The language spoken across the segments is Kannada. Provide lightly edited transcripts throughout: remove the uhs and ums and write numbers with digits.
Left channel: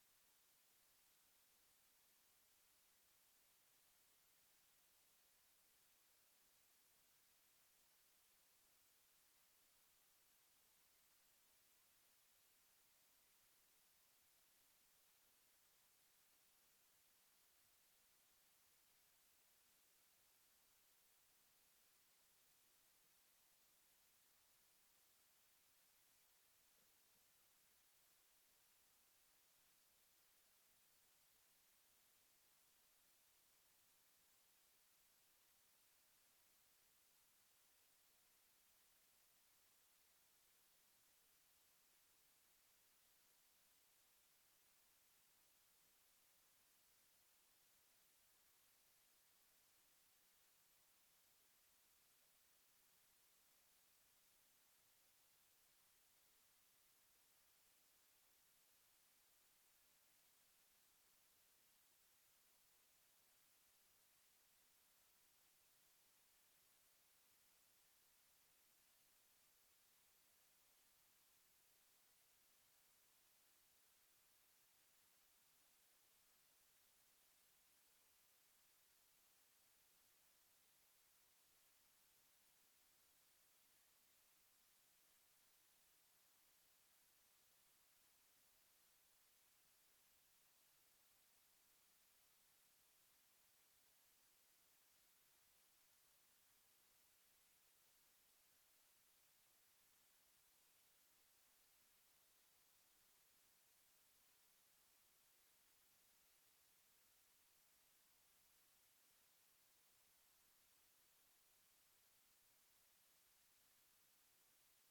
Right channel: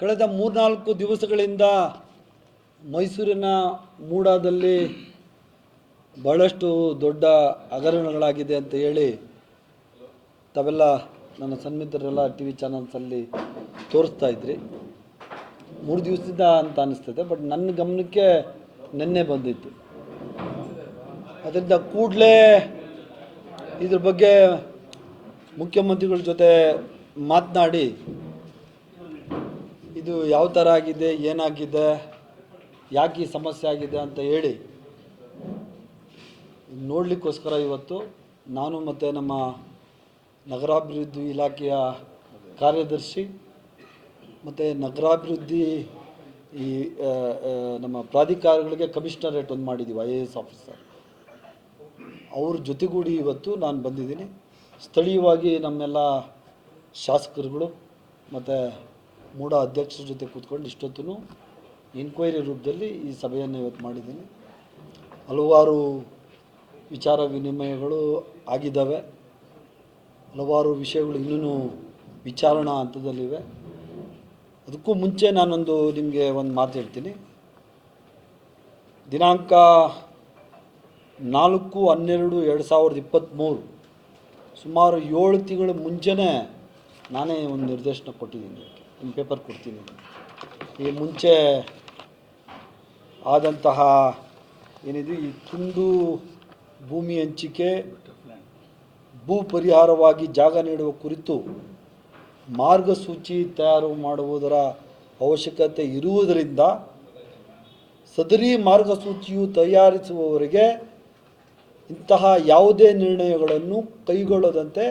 ಕಳೆದ 3-4 ದಿವಸಗಳಿಂದ ಮೈಸೂರಿನ ಮೂಡಾದಲ್ಲಿ ಬಹಳಷ್ಟು ದೊಡ್ಡ ಹಗರಣಗಳಾಗಿದೆ ಅಂತ ಹೇಳಿ ತಾವೆಲ್ಲ ನನ್ನ ಸನ್ಮಿತರೆಲ್ಲ ಟಿ ವಿ ಚಾನಲ್ಸಲ್ಲಿ ತೋರಿಸ್ತಾ ಇದ್ರಿ. 3 ದಿವಸದಿಂದ ಅಂತ ಅನ್ನಿಸ್ತದೆ, ಬಟ್ ನನ್ನ ಗಮನಕ್ಕೆ ನಿನ್ನೆ ಬಂದಿತ್ತು. ಅದರಿಂದ ಕೂಡಲೇ ಇದ್ರ ಬಗ್ಗೆ ಮುಖ್ಯಮಂತ್ರಿಗಳ ಜೊತೆ ಮಾತನಾಡಿ ಇದು ಯಾವ ಥರ ಆಗಿದೆ, ಏನಾಗಿದೆ, ಯಾಕೆ ಈ ಸಮಸ್ಯೆ ಆಗಿದೆ ಅಂತ ಹೇಳಿ ನೋಡಲಿಕ್ಕೋಸ್ಕರ ಇವತ್ತು ನಾನು ಮತ್ತು ನಮ್ಮ ನಗರಾಭಿವೃದ್ಧಿ ಇಲಾಖೆಯ ಕಾರ್ಯದರ್ಶಿ ಮತ್ತು ನಗರಾಭಿವೃದ್ಧಿ ಈ ನಮ್ಮ ಪ್ರಾಧಿಕಾರಗಳಿಗೆ ಕಮಿಷನರೇಟ್ ಒಂದು ಮಾಡಿದ್ದೀವಿ, IAS ಆಫೀಸರ್ ಅವ್ರ ಜೊತೆಗೂಡಿ ಇವತ್ತು ನಾನು ಬಂದಿದ್ದೀನಿ. ಸ್ಥಳೀಯವಾಗಿ ನಮ್ಮೆಲ್ಲ ಶಾಸಕರುಗಳು ಮತ್ತು ಮೂಡ ಅಧ್ಯಕ್ಷರ ಜೊತೆ ಕೂತ್ಕೊಂಡು ಇಷ್ಟೊತ್ತೂ ಇನ್ಕ್ವೈರಿ ರೂಪದಲ್ಲಿ ಈ ಸಭೆಯನ್ನು ಇವತ್ತು ಮಾಡಿದ್ದೀನಿ. ಹಲವಾರು ವಿಚಾರ ವಿನಿಮಯಗಳು ಆಗಿದ್ದಾವೆ, ಹಲವಾರು ವಿಷಯಗಳು ಇನ್ನೂ ವಿಚಾರಣಾ ಹಂತದಲ್ಲಿವೆ. ಅದಕ್ಕೂ ಮುಂಚೆ ನಾನೊಂದು ನಿಮಗೆ ಒಂದು ಮಾತು ಹೇಳ್ತೀನಿ. ದಿನಾಂಕ 4/12/2023 ಸುಮಾರು 7 ತಿಂಗಳ ಮುಂಚೆನೇ ನಾನೇ ಒಂದು ನಿರ್ದೇಶನ ಕೊಟ್ಟಿದ್ದೀನಿ. ಒಂದು ಪೇಪರ್ ಕೊಡ್ತೀನಿ. ಈ ಮುಂಚೆ ಆದಂತಹ ಏನಿದೆ ಈ ತುಂಡು ಭೂಮಿ ಹಂಚಿಕೆ, ಭೂ ಪರಿಹಾರವಾಗಿ ಜಾಗ ನೀಡುವ ಕುರಿತು ಮಾರ್ಗಸೂಚಿ ತಯಾರು ಮಾಡುವುದರ ಅವಶ್ಯಕತೆ ಇರುವುದರಿಂದ ಸದರಿ ಮಾರ್ಗಸೂಚಿಯು ತಯಾರಿಸುವವರೆಗೆ ಇಂತಹ ಯಾವುದೇ ನಿರ್ಣಯಗಳನ್ನು ಕೈಗೊಳ್ಳದಂತೆ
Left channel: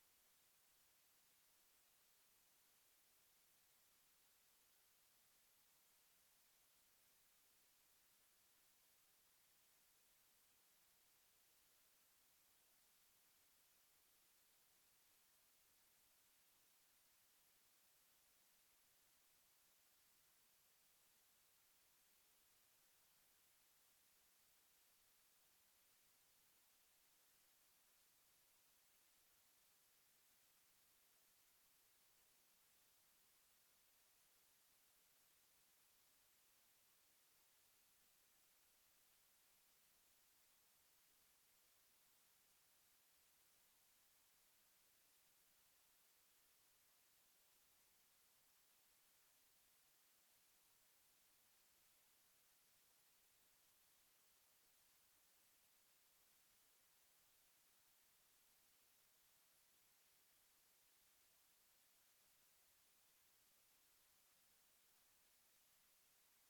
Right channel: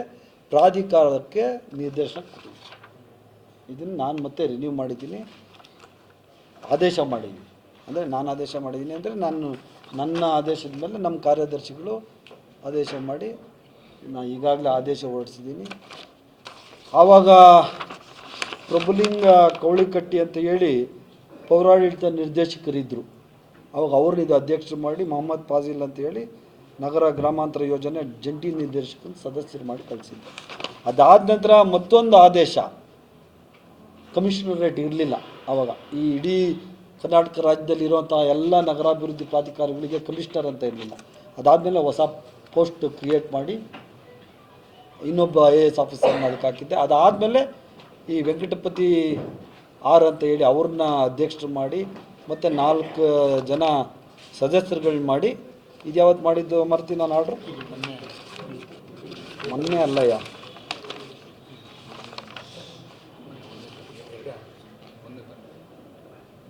ಪ್ರಾಧಿಕಾರಕ್ಕೆ ನಿರ್ದೇಶನ ಕೊಟ್ಟಿದ್ದೀನಿ. ಇದನ್ನು ನಾನು ಮತ್ತೆ ರಿನ್ಯೂ ಮಾಡಿದ್ದೀನಿ, ಆದೇಶ ಮಾಡಿದ್ದೀನಿ. ಅಂದರೆ ನಾನು ಆದೇಶ ಮಾಡಿದ್ದೀನಿ ಅಂದರೆ ನನ್ನ ಆದೇಶದ ಮೇಲೆ ನಮ್ಮ ಕಾರ್ಯದರ್ಶಿಗಳು ಆದೇಶ ಮಾಡಿ ನಾನು ಈಗಾಗಲೇ ಆದೇಶ ಹೊರಡಿಸಿದ್ದೀನಿ. ಆವಾಗ ಪ್ರಭುಲಿಂಗ ಕವಳಿಕಟ್ಟಿ ಅಂತ ಹೇಳಿ ಪೌರಾಡಳಿತ ನಿರ್ದೇಶಕರಿದ್ದರು. ಅವಾಗ ಅವ್ರನ್ನ ಇದು ಅಧ್ಯಕ್ಷರು ಮಾಡಿ ಮೊಹಮ್ಮದ್ ಫಾಜಿಲ್ ಅಂತ ಹೇಳಿ ನಗರ ಗ್ರಾಮಾಂತರ ಯೋಜನೆ ಜಂಟಿ ನಿರ್ದೇಶಕನ ಸದಸ್ಯರು ಮಾಡಿ ಕಳಿಸಿದ್ದೆ. ಅದಾದ ನಂತರ ಮತ್ತೊಂದು ಆದೇಶ, ಕಮಿಷನರೇಟ್ ಇರಲಿಲ್ಲ ಆವಾಗ. ಈ ಇಡೀ ಕರ್ನಾಟಕ ರಾಜ್ಯದಲ್ಲಿ ಇರುವಂಥ ಎಲ್ಲ ನಗರಾಭಿವೃದ್ಧಿ ಪ್ರಾಧಿಕಾರಗಳಿಗೆ ಕಮಿಷನರ್ ಅಂತ ಇರಲಿಲ್ಲ. ಅದಾದಮೇಲೆ ಹೊಸ ಪೋಸ್ಟ್ ಕ್ರಿಯೇಟ್ ಮಾಡಿ ಇನ್ನೊಬ್ಬ IAS ಆಫೀಸರ್ನ ಅದಕ್ಕೆ ಹಾಕಿದ್ದೆ. ಅದಾದಮೇಲೆ ಈ ವೆಂಕಟಪತಿ ಆರ್ ಅಂತ ಹೇಳಿ ಅವ್ರನ್ನ ಅಧ್ಯಕ್ಷರು ಮಾಡಿ ಮತ್ತು 4 ಜನ ಸದಸ್ಯರುಗಳನ್ನ ಮಾಡಿ, ಇದು ಯಾವತ್ತು ಮಾಡಿದ್ದು ಮರ್ತೀನಿ ನಾನು ಆರ್ಡ್ರು, ಮೊನ್ನೆ ಅಲ್ಲಯ್ಯ,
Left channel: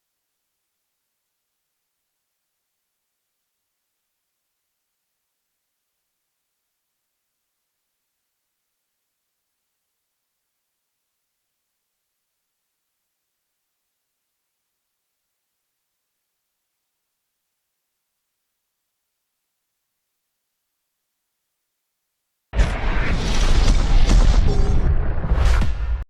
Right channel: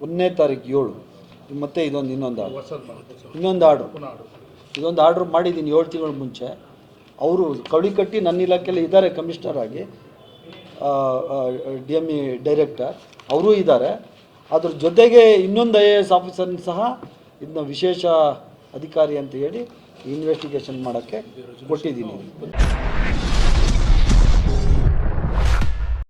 1ನೇ ತಾರೀಕು 7 ಮತ್ತು ಇನ್ನೊಂದು ಆರ್ಡ್ರು ಮಾಡಿದ್ದೀನಿ 7 ತಿಂಗಳ ಮುಂಚೆ. ಅವರು ಕವಳಿಕಟ್ಟಿ ನನ್ನ ಇಲಾಖೆಯಲ್ಲಿ ಇದ್ದಾರೆ, ಕಮಿಷನರ್ ಆಗಿ, DME ಡೈರೆಕ್ಟರ್ ಅವರೂ ಇದ್ದಾರೆ. ಅದ್ರ ಜೊತೆಗೆ ಇನ್ನೊಂದು IAS ಆಫೀಸರ್ನ ಸಹ ಇದನ್ನ ವಿಶೇಷ ಅಧಿಕಾರಿ ಅಂತ ಹೇಳಿ ಇನ್ವೆಸ್ಟಿಗೇಷನ್ ಮಾಡೋಕ್ಕೆ ಕೊಟ್ಟಿದ್ದೀನಿ.